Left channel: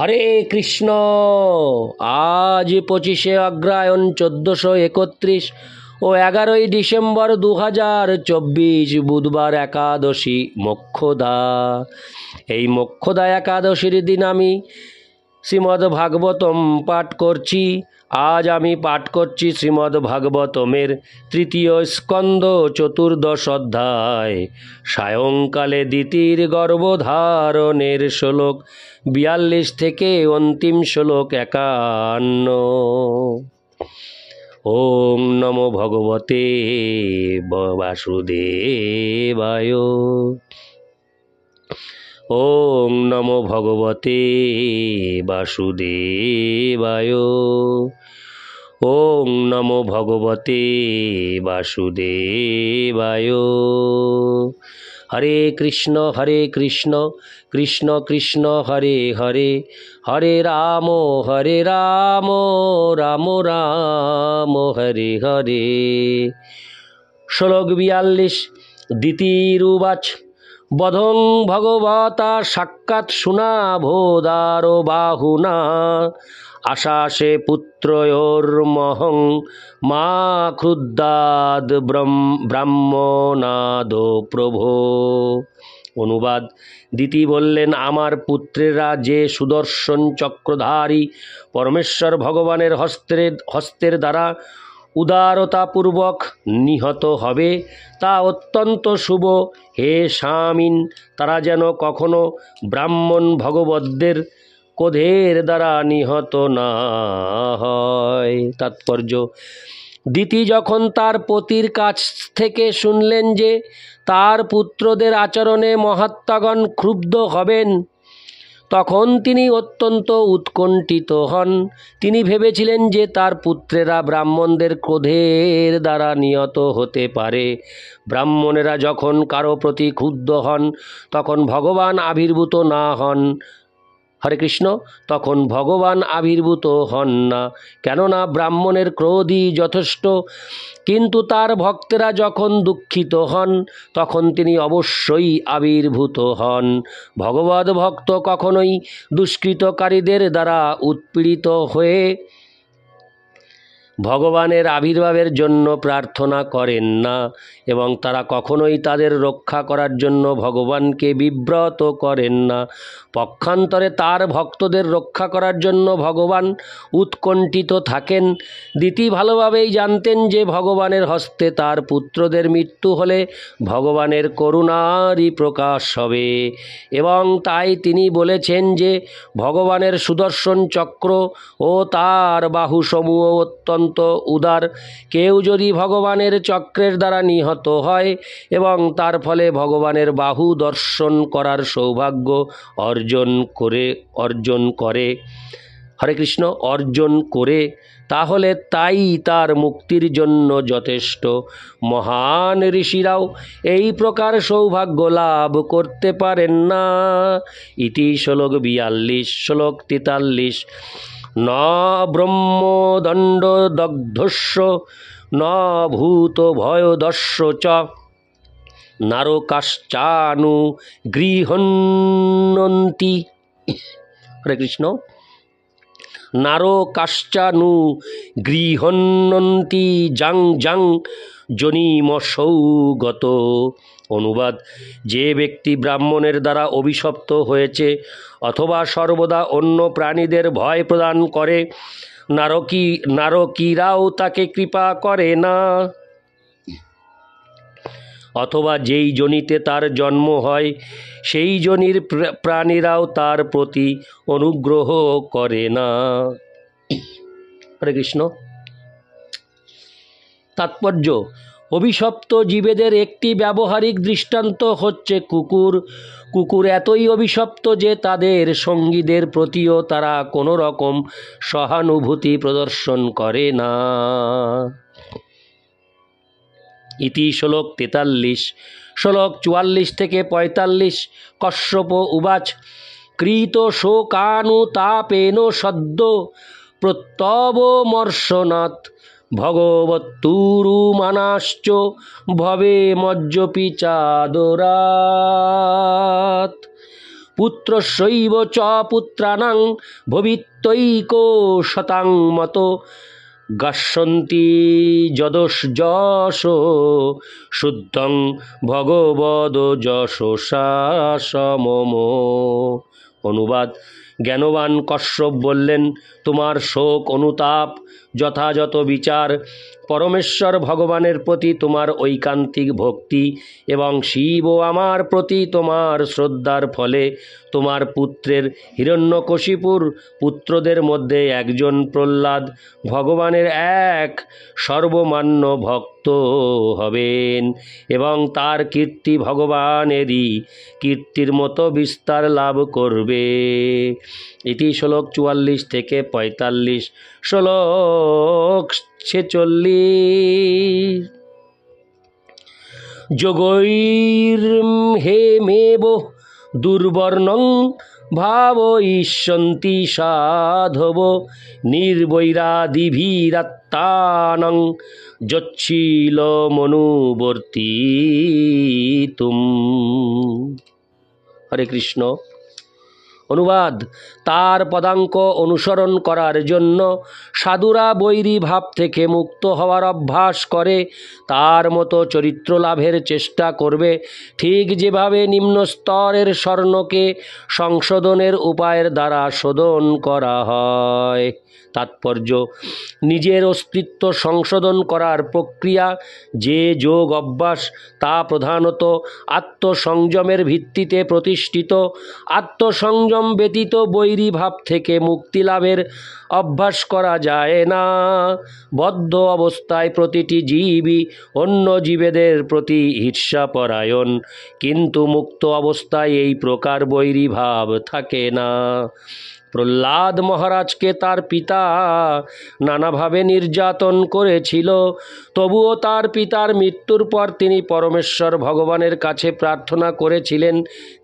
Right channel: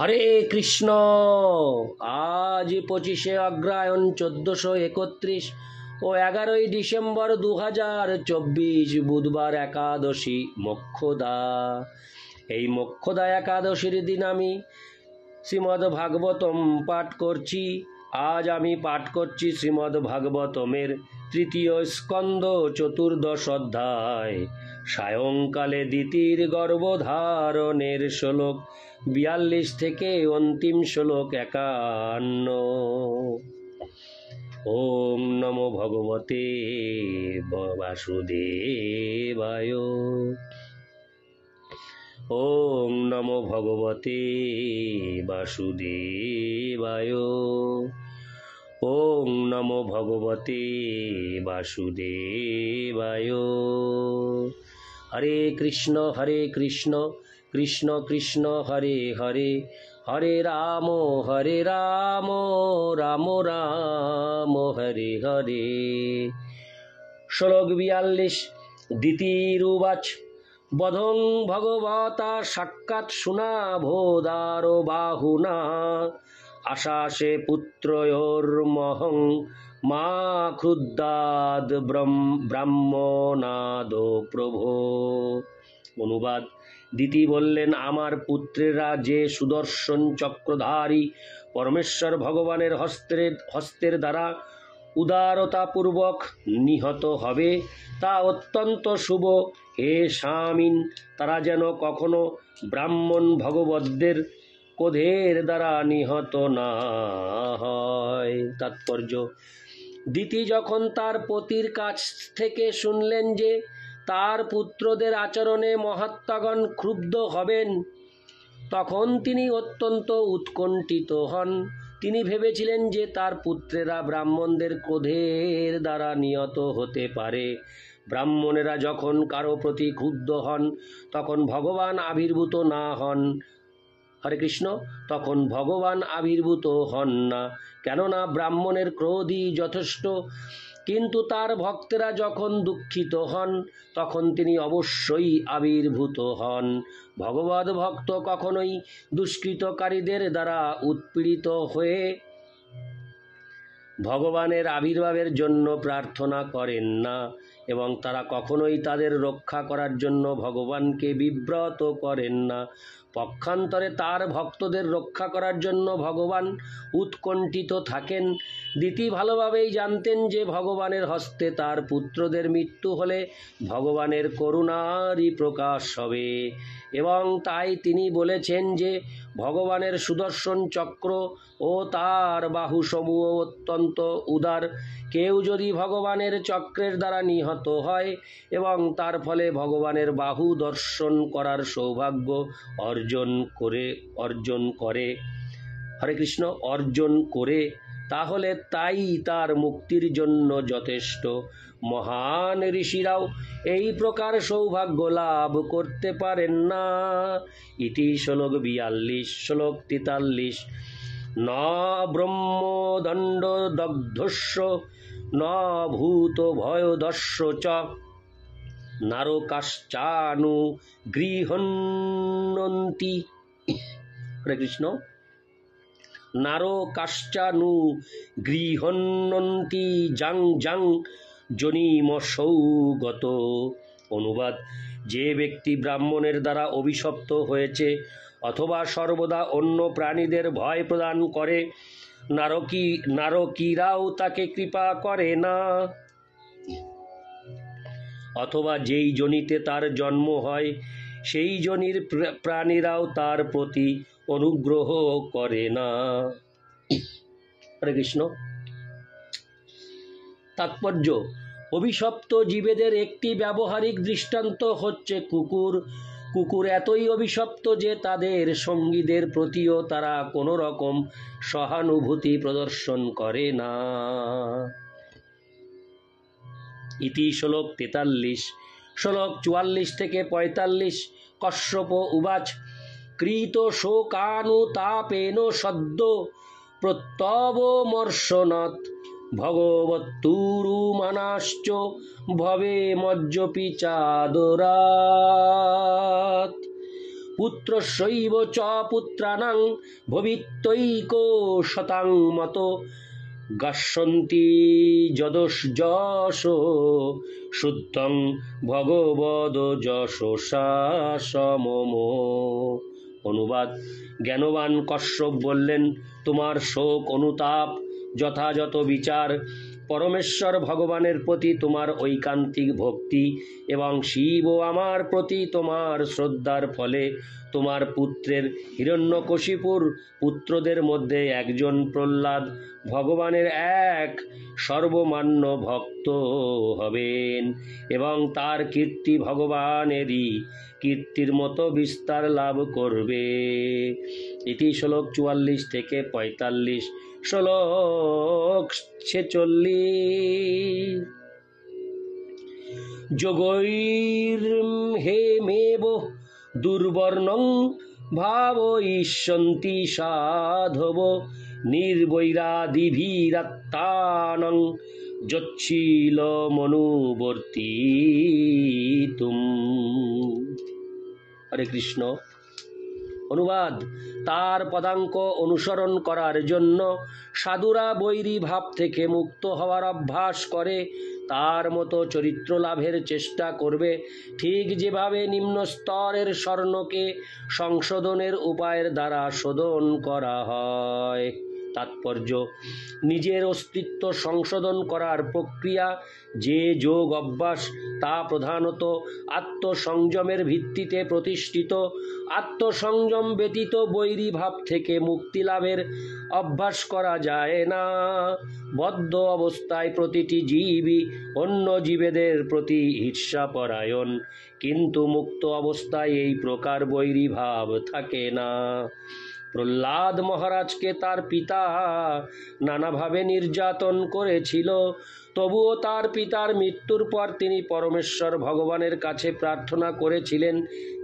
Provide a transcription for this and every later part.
হরে কৃষ্ণ। আজ 25শে অগ্রহায়ণ 1431 ও 11ই ডিসেম্বর 2024 বুধবার একাদশী মোক্ষদা। এই মোক্ষদা একাদশীর দিন আমি শ্রীমদ্ ভাগবতম পাঠ করছি। আজ আমি পাঠ করছি শ্রীমদ্ ভাগবতমের 3য় স্কন্ধ 14দশ অধ্যায় সায়ংকালে দিতির গর্ভধারণের শ্লোক 42 থেকে অন্তিম শ্লোক 51। ওম নমো ভগবতে বাসুদেবায়। ওম নমো ভগবতে বাসুদেবায়। ওম নমো ভগবতে বাসুদেবায়। হরে কৃষ্ণ কৃষ্ণ কৃষ্ণ হরে হরে, হরে রাম রাম রাম হরে হরে। শ্লোক 42। দিতিরুবাচ বধং ভগবতা সাক্ষাৎ শুনাভোদারো বাহুনা আশাসে পুত্রয়োর্মহং মা ক্রুদ্ধাদ ব্রাহ্মণাদো প্রভো। অনুবাদ। দিতি বললেন, আমার পুত্রেরা যে সুদর্শন চক্রধারী পরমেশ্বর ভগবানের হস্তের দ্বারা উদারতাপূর্বক নিহত হবে তা অত্যন্ত শুভ। হে স্বামীন, তারা যেন কখনো ব্রাহ্মণ ভগবদ্দের ক্রোধের দ্বারা নিহত না হয়। তাৎপর্য: দিতি যখন তার পতির কাছ থেকে শুনলেন যে তার পুত্রদের আচরণে মহাত্মাগণ ক্ষুব্ধ হবেন, তখন তিনি অত্যন্ত উৎকণ্ঠিত হন। তিনি ভেবেছিলেন যে তার পুত্রেরা ব্রাহ্মণদের ক্রোধের দ্বারা নিহত হতে পারে। ব্রাহ্মণেরা যখন কারো প্রতি ক্ষুব্ধ হন তখন ভগবান আবির্ভূত না হন। হরে কৃষ্ণ। তখন ভগবান আবির্ভূত হন না, কেননা ব্রাহ্মণের ক্রোধই যথেষ্ট। কিন্তু তার ভক্তেরা যখন দুঃখিত হন তখন তিনি অবশ্যই আবির্ভূত হন। ভগবদ ভক্ত কখনোই দুষ্কৃতকারীদের দ্বারা উৎপীড়িত হয়ে ভগবানের আবির্ভাবের জন্য প্রার্থনা করেন না, এবং তারা কখনোই তাদের রক্ষা করার জন্য ভগবানকে বিব্রত করেন না। পক্ষান্তরে তার ভক্তদের রক্ষা করার জন্য ভগবান উৎকণ্ঠিত থাকেন। দিতি ভালোভাবেই জানতেন যে ভগবানের হস্তে তার পুত্রদের মৃত্যু হলে ভগবানের করুণারই প্রকাশ হবে, এবং তাই তিনি বলেছেন যে ভগবানের সুদর্শন চক্র ও তার বাহুসমূহ অত্যন্ত উদার। কেউ যদি ভগবানের চক্রের দ্বারা নিহত হয় এবং তার ফলে ভগবানের বাহু দর্শন করার সৌভাগ্য অর্জন করে হরে কৃষ্ণ অর্জন করে, তাহলে তাই তার মুক্তির জন্য যথেষ্ট। মহান ঋষিরাও এই প্রকার সৌভাগ্য লাভ করতে পারেন না। ইতি শ্লোক 42। শ্লোক 43। ন ব্রহ্মদণ্ড দগ্ধস্য ন ভূত ভয়দস্য চ নারকাশ্চানু গৃহন্নন্তি। হরে কৃষ্ণ। নারকাশ্চানু গৃহন্নন্তি জাং জাং জনিমসৌগত। অনুবাদ। যে ব্যক্তি ব্রাহ্মণের দ্বারা অভিশপ্ত হয়েছে অথবা সর্বদা অন্য প্রাণীদের ভয় প্রদান করে, নারকীরাও তাকে কৃপা করে না, অথবা যেই যোনিতে তার জন্ম হয় সেই যোনির প্রাণীরাও তার প্রতি অনুগ্রহ করে না। হরে কৃষ্ণ। তাৎপর্য: অভিশপ্ত জীবেদের একটি ব্যবহারিক দৃষ্টান্ত হচ্ছে কুকুর। কুকুর এতই অভিশপ্ত যে তাদের সঙ্গীদের প্রতিও তারা কোনো রকম সহানুভূতি প্রদর্শন করে না। ইতি শ্লোক 43। শ্লোক 44 থেকে 45। কশ্যপ উবাচ কৃত শোকানুতাপেন সদ্য প্রত্যবমর্শনাৎ ভগবত্তুরুমানাশ্চ ভবে মজ্জপি চাদরাৎ। পুত্রস্যৈব চ পুত্রাণাং ভবিত্যৈকো শতাং মত গাস্যন্তি যদস শুদ্ধং ভগবদ যশসা সমম। অনুবাদ: জ্ঞানবান কশ্যপ বললেন, তোমার শোক অনুতাপ, যথাযথ বিচার, পরমেশ্বর ভগবানের প্রতি তোমার ঐকান্তিক ভক্তি এবং শিব ও আমার প্রতি তোমার শ্রদ্ধার ফলে তোমার পুত্রের হিরণ্যকশিপুর পুত্রদের মধ্যে একজন প্রহ্লাদ ভগবানের এক সর্বমান্য ভক্ত হবেন এবং তার কীর্তি ভগবানেরই কীর্তির মতো বিস্তার লাভ করবে। এটি শ্লোক 44 থেকে 45। শ্লোক 46। যোগৈর্হেমেব দুর্বর্ণং ভাবয়িষ্যন্তি সাধব নির্বৈরাদিভিরাত্মানং যচ্ছিলমনুবর্তিতুম। হরে কৃষ্ণ। অনুবাদ: তার পদাঙ্ক অনুসরণ করার জন্য সাধুরা বৈরী ভাব থেকে মুক্ত হওয়ার অভ্যাস করে, তার মতো চরিত্র লাভের চেষ্টা করবে, ঠিক যেভাবে নিম্ন স্তরের স্বর্ণকে সংশোধনের উপায়ের দ্বারা শোধন করা হয়। তাৎপর্য: নিজের অস্তিত্ব সংশোধন করার প্রক্রিয়া যে যোগ অভ্যাস, তা প্রধানত আত্মসংযমের ভিত্তিতে প্রতিষ্ঠিত। আত্মসংযম ব্যতীত বৈরী ভাব থেকে মুক্তি লাভের অভ্যাস করা যায় না। বদ্ধ অবস্থায় প্রতিটি জীবই অন্য জীবেদের প্রতি ঈর্ষাপরায়ণ, কিন্তু মুক্ত অবস্থায় এই প্রকার বৈরী ভাব থাকে না। প্রহ্লাদ মহারাজকে তার পিতা নানাভাবে নির্যাতন করেছিল, তবুও তার পিতার মৃত্যুর পর তিনি পরমেশ্বর ভগবানের কাছে প্রার্থনা করেছিলেন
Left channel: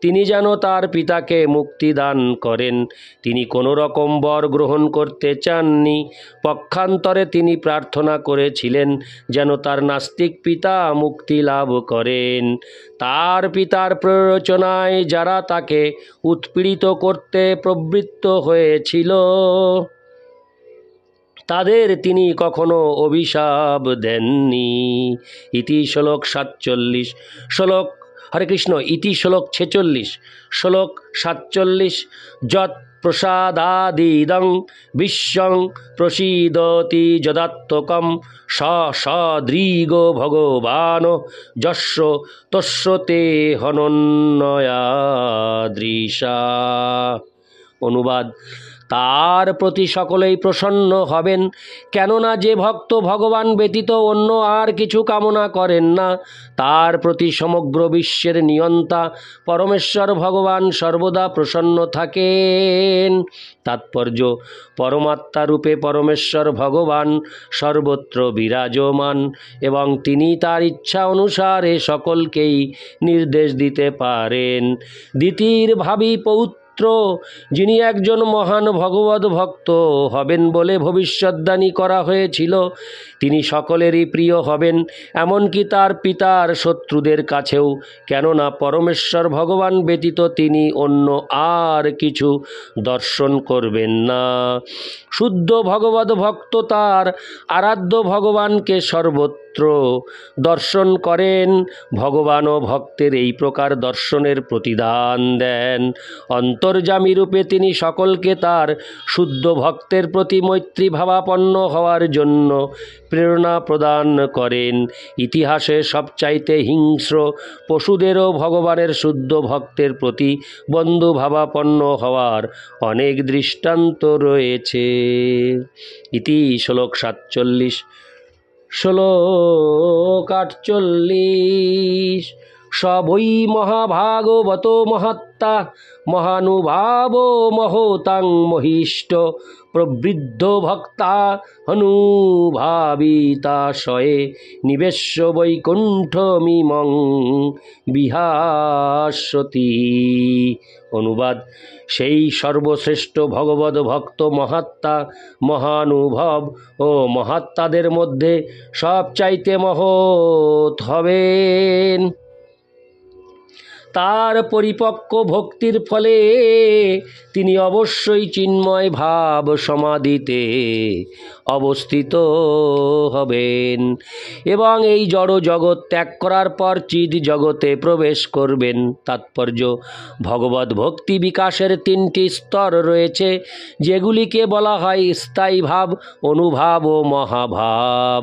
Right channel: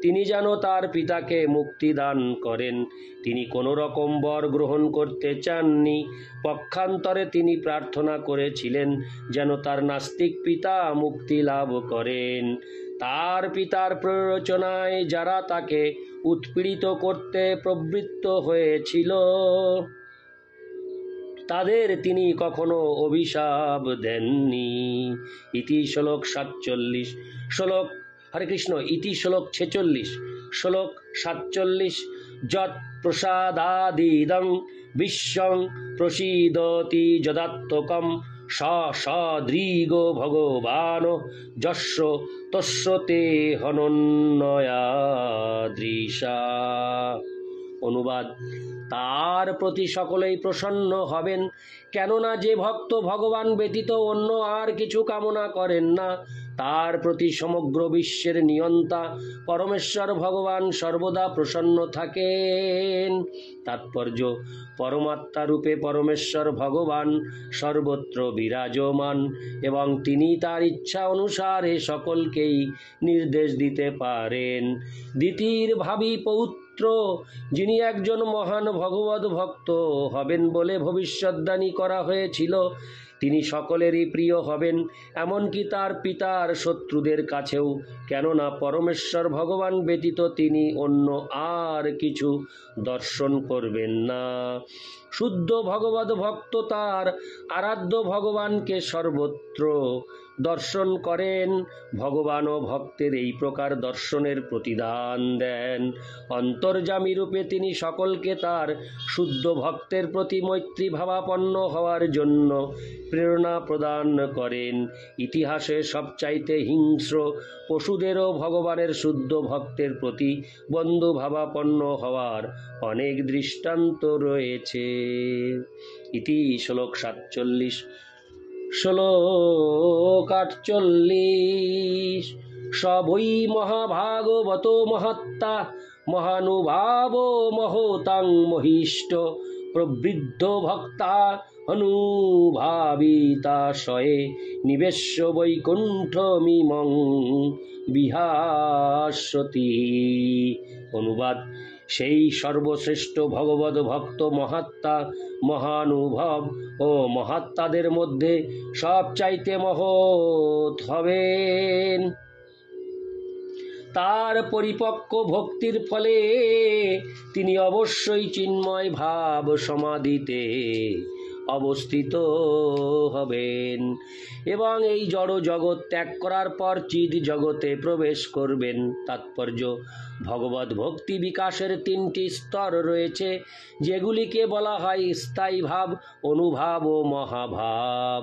তিনি যেন তার পিতাকে মুক্তি দান করেন। তিনি কোনো রকম বর গ্রহণ করতে চাননি। পক্ষান্তরে তিনি প্রার্থনা করেছিলেন যেন তার নাস্তিক পিতা মুক্তি লাভ করেন। তার পিতার প্ররোচনায় যারা তাকে উৎপীড়িত করতে প্রবৃত্ত হয়েছিল তাদের তিনি কখনো অভিশাপ দেননি। ইতি শ্লোক 47। শ্লোক হরে কৃষ্ণ। ইতি শ্লোক 46। শ্লোক 47। যৎ প্রসাদাদিদং বিশ্বং প্রসীদতি যদাত্মকম সদৃগো ভগবান যস্য তস্য তে হনন্যয়াদৃশা। অনুবাদ: তার প্রতি সকলেই প্রসন্ন হবেন, কেননা যে ভক্ত ভগবান ব্যতীত অন্য আর কিছু কামনা করেন না, তার প্রতি সমগ্র বিশ্বের নিয়ন্তা পরমেশ্বর ভগবান সর্বদা প্রসন্ন থাকেন। তাৎপর্য: পরমাত্মা রূপে পরমেশ্বর ভগবান সর্বত্র বিরাজমান এবং তিনি তার ইচ্ছা অনুসারে সকলকেই নির্দেশ দিতে পারেন। দ্বিতীয় ভাবী পৌত্র যিনি একজন মহান ভগবত ভক্ত হবেন বলে ভবিষ্যদ্বাণী করা হয়েছিল, তিনি সকলেরই প্রিয় হবেন, এমনকি তার পিতার শত্রুদের কাছেও, কেননা পরমেশ্বর ভগবান ব্যতীত তিনি অন্য আর কিছু দর্শন করবেন না। শুদ্ধ ভগবত ভক্ত তার আরাধ্য ভগবানকে সর্বত্র দর্শন করেন। ভগবানও ভক্তের এই প্রকার দর্শনের প্রতিদান দেন। অন্তর্যামী রূপে তিনি সকলকে তার শুদ্ধ ভক্তের প্রতি মৈত্রী ভাবাপন্ন হওয়ার জন্য প্রেরণা প্রদান করেন। ইতিহাসে সবচাইতে হিংস্র পশুদেরও ভগবানের শুদ্ধ ভক্তের প্রতি বন্ধুভাবাপন্ন হওয়ার অনেক দৃষ্টান্ত রয়েছে। ইতি শ্লোক 47। শ্লোক 48। সবৈ মহাভাগবত মহাত্মা মহানুভাব মহতাং মহিষ্ট প্রবৃদ্ধ ভক্তা অনুভাবিতাশয়ে নিবেশ্য বৈকুণ্ঠমিমং বিহাস্যতি। অনুবাদ: সেই সর্বশ্রেষ্ঠ ভগবত ভক্ত মহাত্মা মহানুভব ও মহাত্মাদের মধ্যে সবচাইতে মহৎ হবেন। তার পরিপক্ক ভক্তির ফলে তিনি অবশ্যই চিন্ময় ভাব সমাধিতে অবস্থিত হবেন এবং এই জড় জগৎ ত্যাগ করার পর চিদ জগতে প্রবেশ করবেন। তাৎপর্য: ভগবত ভক্তি বিকাশের তিনটি স্তর রয়েছে, যেগুলিকে বলা হয় স্থায়ী ভাব, অনুভাব ও মহাভাব।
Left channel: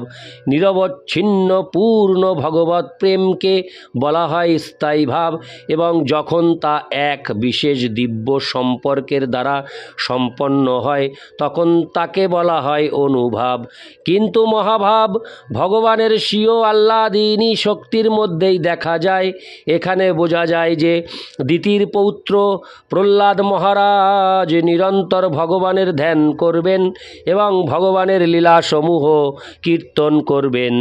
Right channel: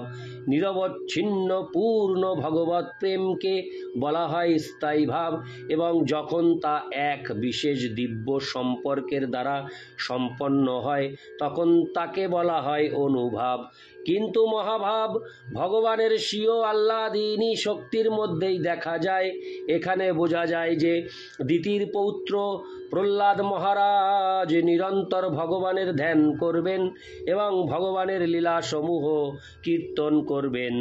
নিরবচ্ছিন্ন পূর্ণ ভগবত প্রেমকে বলা হয় স্থায়ী ভাব এবং যখন তা এক বিশেষ দিব্য সম্পর্কের দ্বারা সম্পন্ন হয় তখন তাকে বলা হয় অনুভাব। কিন্তু মহাভাব ভগবানের স্বীয় আহ্লাদিনী শক্তির মধ্যেই দেখা যায়। এখানে বোঝা যায় যে দিতির পৌত্র প্রহ্লাদ মহারাজ নিরন্তর ভগবানের ধ্যান করবেন এবং ভগবানের লীলাসমূহ কীর্তন করবেন।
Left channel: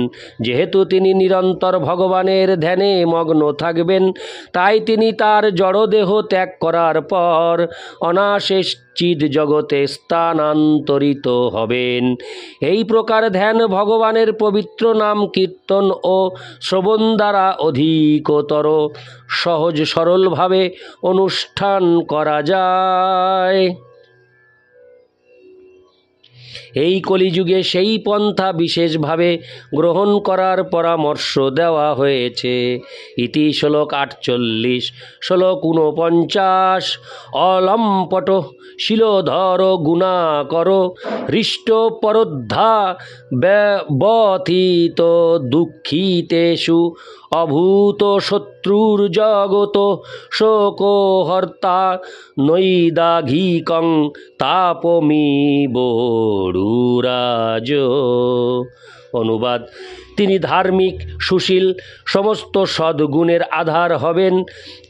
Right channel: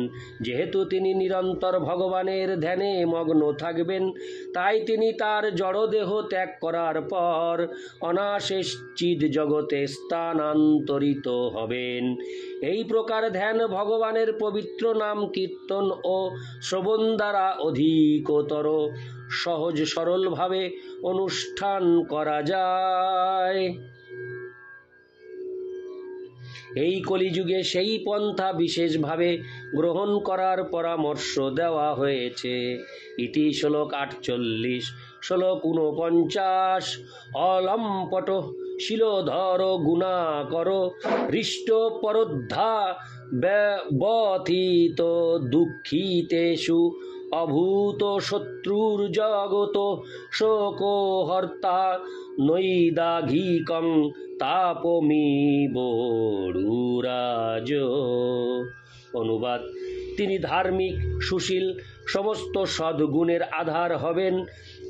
যেহেতু তিনি নিরন্তর ভগবানের ধ্যানে মগ্ন থাকবেন, তাই তিনি তার জড়দেহ ত্যাগ করার পর অনায়াসে চিদ জগতে স্থানান্তরিত হবেন। এই প্রকার ধ্যান ভগবানের পবিত্র নাম কীর্তন ও শ্রবণ দ্বারা অধিকতর সহজ সরলভাবে অনুষ্ঠান করা যায়। এই কলিযুগে সেই পন্থা বিশেষভাবে গ্রহণ করার পরামর্শ দেওয়া হয়েছে। ইতি শ্লোক 48। শ্লোক 49। অলম্পট শিলোধর গুণাকর হৃষ্ট পরোদ্ধা ব্যথিত দুঃখিতেষু অভূত শত্রুর জগত শোকহর্তা নৈদাঘিকং তাপমি বড়ুরাজ। অনুবাদ: তিনি ধার্মিক, সুশীল, সমস্ত সদ্গুণের আধার হবেন।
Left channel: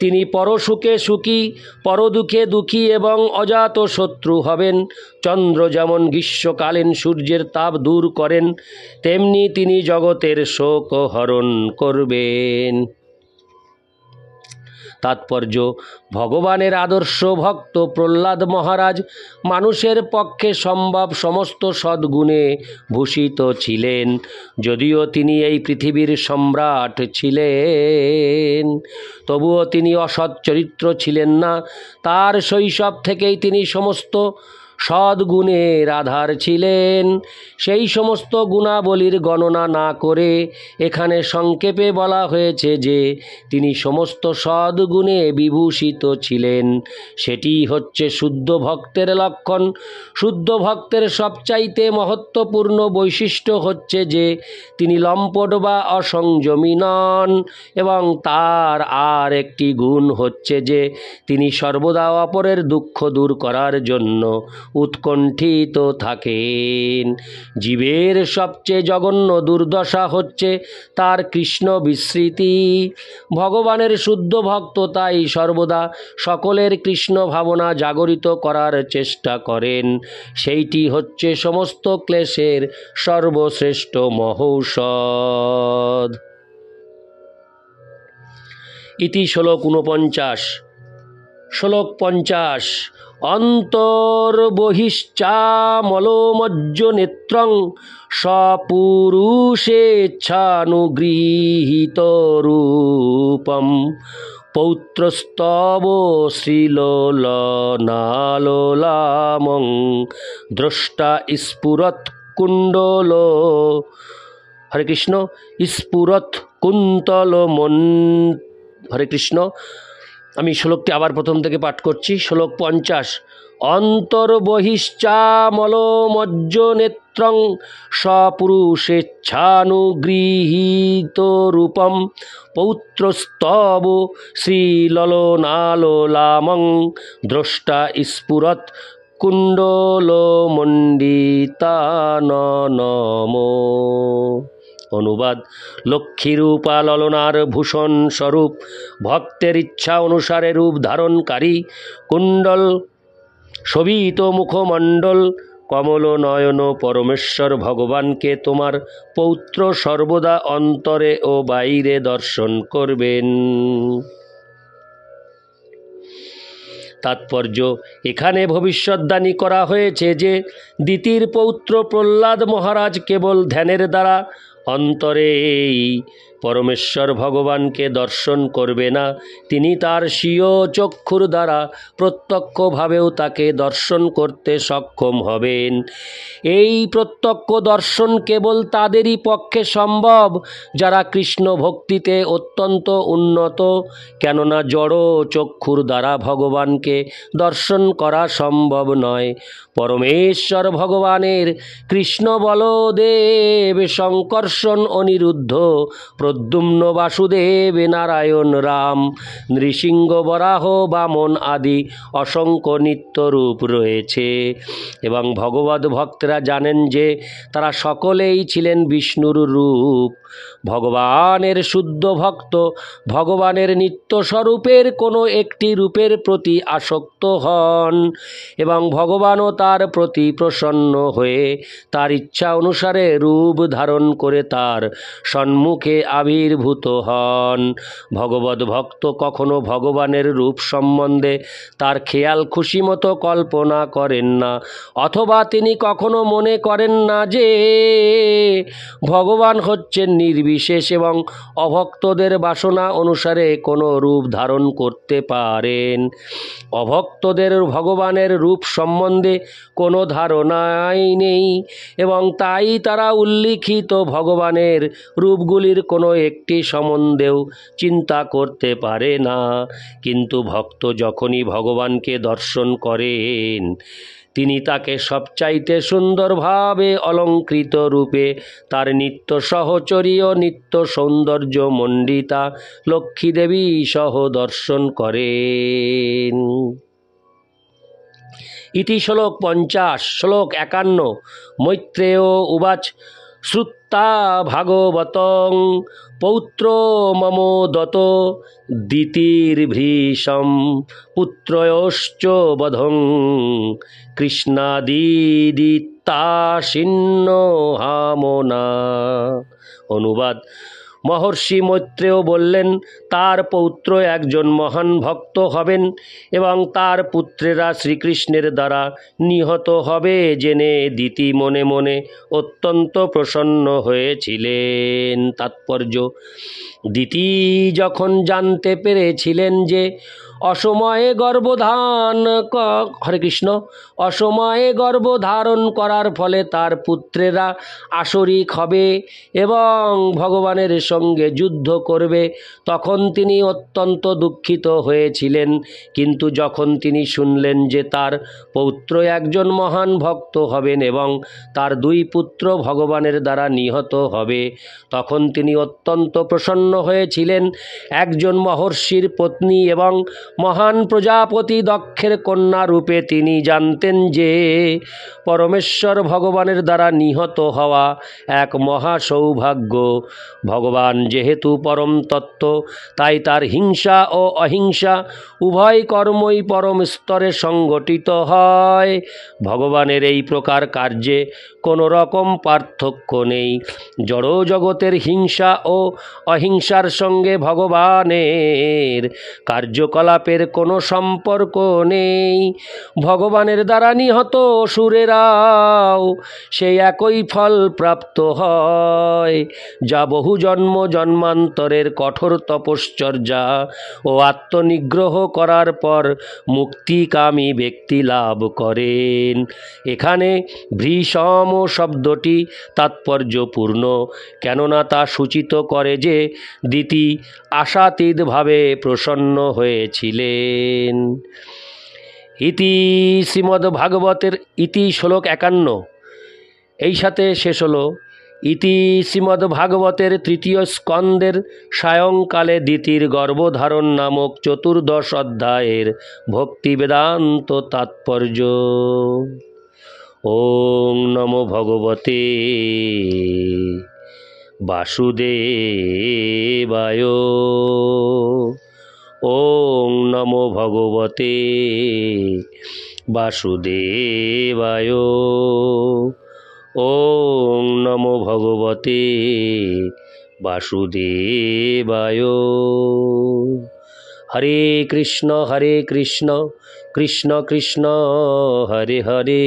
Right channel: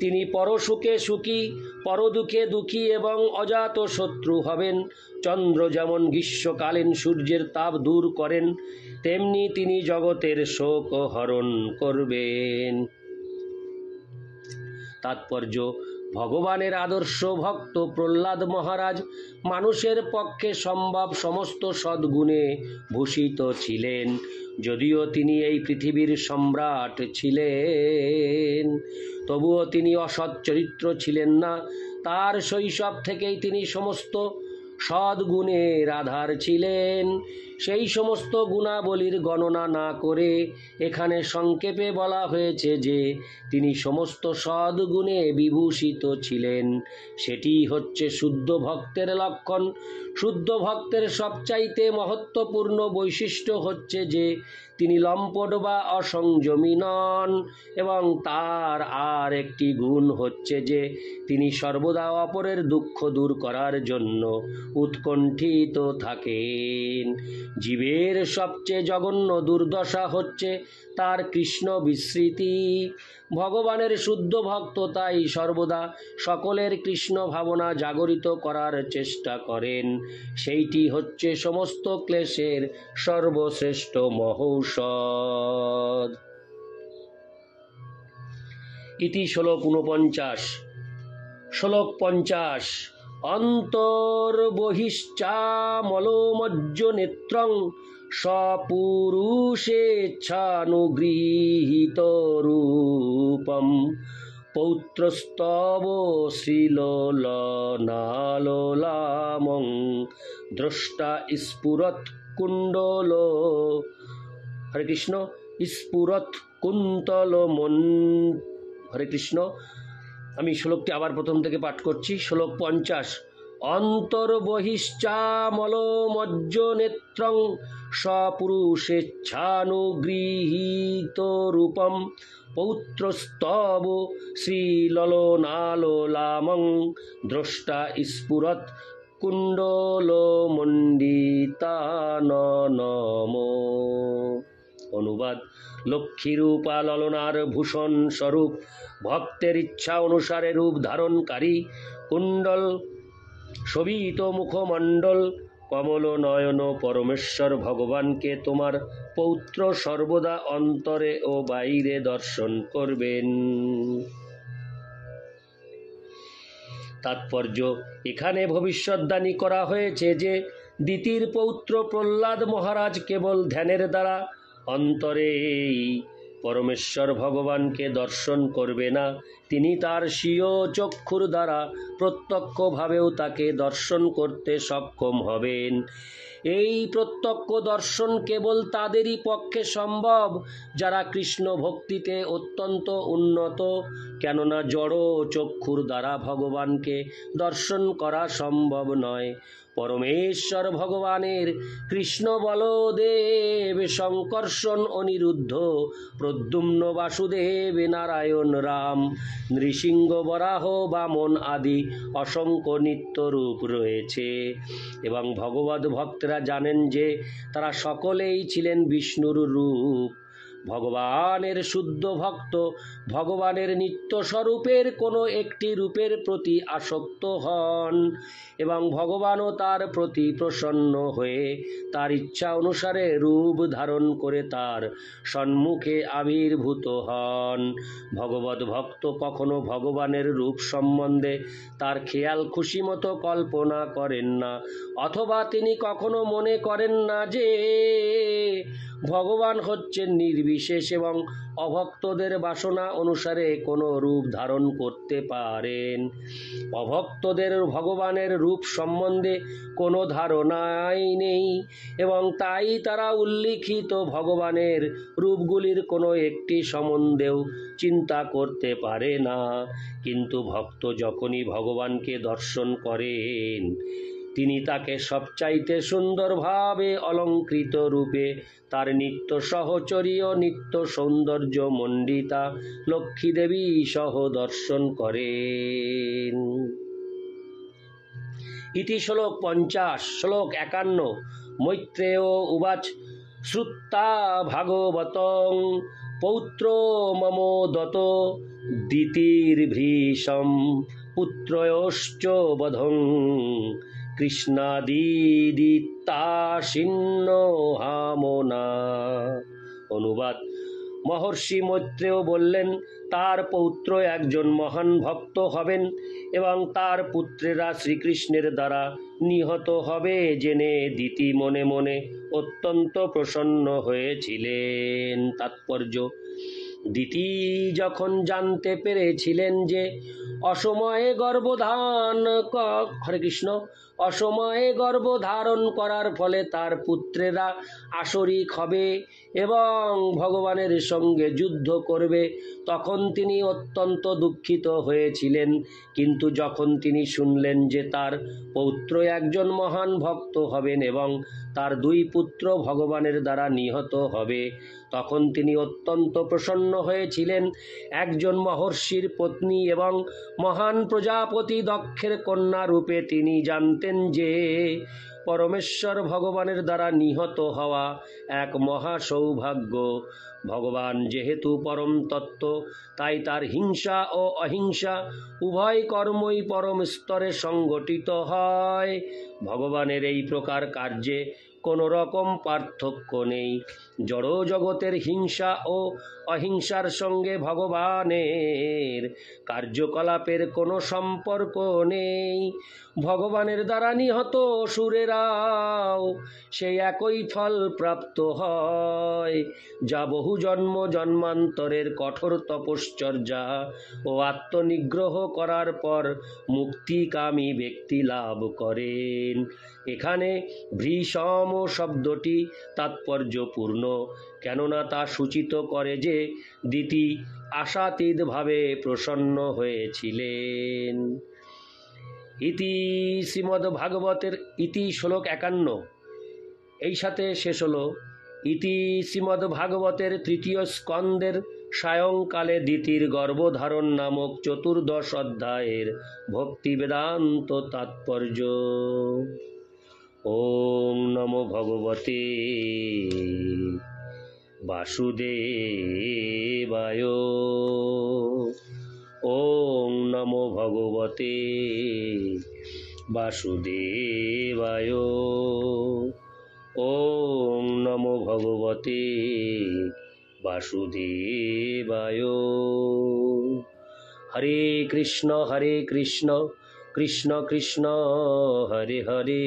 তিনি পরসুখে সুখী, পরদুঃখে দুঃখী এবং অজাত শত্রু হবেন। চন্দ্র যেমন গ্রীষ্মকালীন সূর্যের তাপ দূর করেন, তেমনি তিনি জগতের শোক হরণ করবেন। তাৎপর্য: ভগবানের আদর্শ ভক্ত প্রহ্লাদ মহারাজ মানুষের পক্ষে সম্ভব সমস্ত সদ্গুণে ভূষিত ছিলেন। যদিও তিনি এই পৃথিবীর সম্রাট ছিলেন, তবুও তিনি অসৎ চরিত্র ছিলেন না। তার শৈশব থেকেই তিনি সমস্ত সদ্গুণের আধার ছিলেন। সেই সমস্ত গুণাবলীর গণনা না করে এখানে সংক্ষেপে বলা হয়েছে যে তিনি সমস্ত সদ্গুণে বিভূষিত ছিলেন। সেটি হচ্ছে শুদ্ধ ভক্তের লক্ষণ। শুদ্ধ ভক্তের সবচাইতে মহত্বপূর্ণ বৈশিষ্ট্য হচ্ছে যে তিনি লম্পট বা অসংযমী নন এবং তার আর একটি গুণ হচ্ছে যে তিনি সর্বদা অপরের দুঃখ দূর করার জন্য উৎকণ্ঠিত থাকেন। জীবের সবচেয়ে জঘন্য দুর্দশা হচ্ছে তার কৃষ্ণ বিস্মৃতি। ভগবানের শুদ্ধ ভক্ত তাই সর্বদা সকলের কৃষ্ণ ভাবনা জাগরিত করার চেষ্টা করেন। সেইটি হচ্ছে সমস্ত ক্লেশের সর্বশ্রেষ্ঠ মহৌষধ। ইতি শ্লোক 49। শ্লোক 50। অন্তর্বহিশ্চামলোমজ্জ নেত্রং স্বপুরুষেচ্ছানুগৃহীত রূপম পৌত্রস্তব শ্রীলোলনালোলামং দ্রষ্টা স্ফুরৎ কুণ্ডল। হরে কৃষ্ণ। স্ফুরৎ কুন্তল মন। হরে কৃষ্ণ। আমি শ্লোকটি আবার প্রথম থেকে পাঠ করছি। শ্লোক 50। অন্তর্বহিশ্চামলোমজ্জ নেত্রং স্বপুরুষেচ্ছানুগৃহীত রূপম পৌত্রস্তব শ্রীললনালোলামং দ্রষ্টা স্ফুরৎ কুণ্ডলমণ্ডিতাননম। অনুবাদ: লক্ষ্মীরূপা ললনার ভূষণ স্বরূপ ভক্তের ইচ্ছা অনুসারে রূপ ধারণকারী কুণ্ডল শোভিত মুখমণ্ডল কমল নয়ন পরমেশ্বর ভগবানকে তোমার পৌত্র সর্বদা অন্তরে ও বাইরে দর্শন করবেন। তাৎপর্য: এখানে ভবিষ্যদ্বাণী করা হয়েছে যে দিতির পৌত্র প্রহ্লাদ মহারাজ কেবল ধ্যানের দ্বারা অন্তরে পরমেশ্বর ভগবানকে দর্শন করবে না, তিনি তার স্বীয় চক্ষুর দ্বারা প্রত্যক্ষভাবেও তাকে দর্শন করতে সক্ষম হবেন। এই প্রত্যক্ষ দর্শন কেবল তাদেরই পক্ষে সম্ভব যারা কৃষ্ণ ভক্তিতে অত্যন্ত উন্নত, কেননা জড় চক্ষুর দ্বারা ভগবানকে দর্শন করা সম্ভব নয়। পরমেশ্বর ভগবানের কৃষ্ণ, বলদেব, শঙ্কর্ষণ, অনিরুদ্ধ, প্রদ্যুম্ন, বাসুদেব, নারায়ণ, রাম, নৃসিংহ, বরাহ, বামন আদি অসংখ্য নিত্য রূপ রয়েছে এবং ভগবদ ভক্তরা জানেন যে তারা সকলেই ছিলেন বিষ্ণুর রূপ। ভগবানের শুদ্ধ ভক্ত ভগবানের নিত্য স্বরূপের কোনো একটি রূপের প্রতি আসক্ত হন এবং ভগবানও তার প্রতি প্রসন্ন হয়ে তার ইচ্ছা অনুসারে রূপ ধারণ করে তার সম্মুখে আবির্ভূত হন। ভগবদ ভক্ত কখনো ভগবানের রূপ সম্বন্ধে তার খেয়াল খুশি মতো কল্পনা করেন না, অথবা তিনি কখনো মনে করেন না যে ভগবান হচ্ছেন নির্বিশেষ এবং অভক্তদের বাসনা অনুসারে কোনো রূপ ধারণ করতে পারেন। অভক্তদের ভগবানের রূপ সম্বন্ধে কোনো ধারণাই নেই এবং তাই তারা উল্লিখিত ভগবানের রূপগুলির কোনো একটি সম্বন্ধেও চিন্তা করতে পারে না। কিন্তু ভক্ত যখনই ভগবানকে দর্শন করেন, তিনি তাকে সবচাইতে সুন্দরভাবে অলঙ্কৃত রূপে তার নিত্য সহচরী ও নিত্য সৌন্দর্য মণ্ডিতা লক্ষ্মীদেবী সহ দর্শন করেন। ইতি শ্লোক 50। শ্লোক 51। মৈত্রেয় উবাচ শ্রুত্বা ভাগবতং পৌত্র মম দত দিতির্ভীষম পুত্রয়োশ্চ বধং কৃষ্ণাদিদিত্তাশিন্ন হামনা। অনুবাদ: মহর্ষি মৈত্রেয় বললেন, তার পৌত্র একজন মহান ভক্ত হবেন এবং তার পুত্রেরা শ্রীকৃষ্ণের দ্বারা নিহত হবে জেনে দিতি মনে মনে অত্যন্ত প্রসন্ন হয়েছিলেন। তাৎপর্য: দিতি যখন জানতে পেরেছিলেন যে অসময়ে গর্ভধারণ করার ফলে তার পুত্রেরা আসরিক হবে এবং ভগবানের সঙ্গে যুদ্ধ করবে, তখন তিনি অত্যন্ত দুঃখিত হয়েছিলেন। কিন্তু যখন তিনি শুনলেন যে তার পৌত্র একজন মহান ভক্ত হবেন এবং তার দুই পুত্র ভগবানের দ্বারা নিহত হবে, তখন তিনি অত্যন্ত প্রসন্ন হয়েছিলেন। একজন মহর্ষির পত্নী এবং মহান প্রজাপতি দক্ষের কন্যা রূপে তিনি জানতেন যে পরমেশ্বর ভগবানের দ্বারা নিহত হওয়া এক মহা সৌভাগ্য। ভগবান যেহেতু পরম তত্ত্ব, তাই তার হিংসা ও অহিংসা উভয় কর্মই পরম স্তরে সংগঠিত হয়। ভগবানের এই প্রকার কার্যে কোনো রকম পার্থক্য নেই। জড় জগতের হিংসা ও অহিংসার সঙ্গে ভগবানের কার্যকলাপের কোনো সম্পর্ক নেই। ভগবানের দ্বারা নিহত অসুরেরাও সেই একই ফল প্রাপ্ত হয়, যা বহু জন্ম জন্মান্তরের কঠোর তপশ্চর্যা ও আত্মনিগ্রহ করার পর মুক্তিকামী ব্যক্তি লাভ করেন। এখানে ভীষম শব্দটি তাৎপর্যপূর্ণ, কেননা তা সূচিত করে যে দিতি আশাতীতভাবে প্রসন্ন হয়েছিলেন। ইতি শ্রীমদ্ভাগবতের ইতি শ্লোক 51। এই সাথে শেষ হলো ইতি শ্রীমদ্ভাগবতের তৃতীয় স্কন্দের সায়ংকালে দিতির গর্ভধারণ নামক 14 অধ্যায়ের ভক্তি বেদান্ত তাৎপর্য। ওং নমো ভগবতে বাসুদেবায়। ওং নমো ভগবতে বাসুদেবায়। ওং নমো ভগবতে বাসুদেবায়। হরে কৃষ্ণ কৃষ্ণ কৃষ্ণ হরে হরে,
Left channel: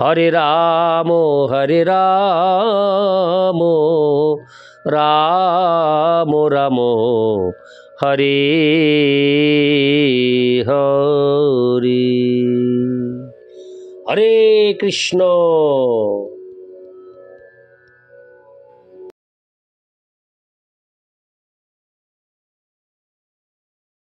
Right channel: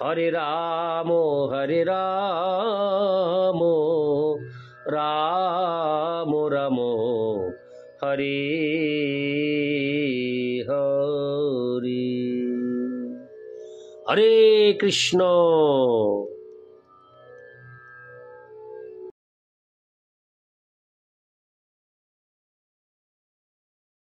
হরে রাম রাম রাম হরে হরে। হরে কৃষ্ণ।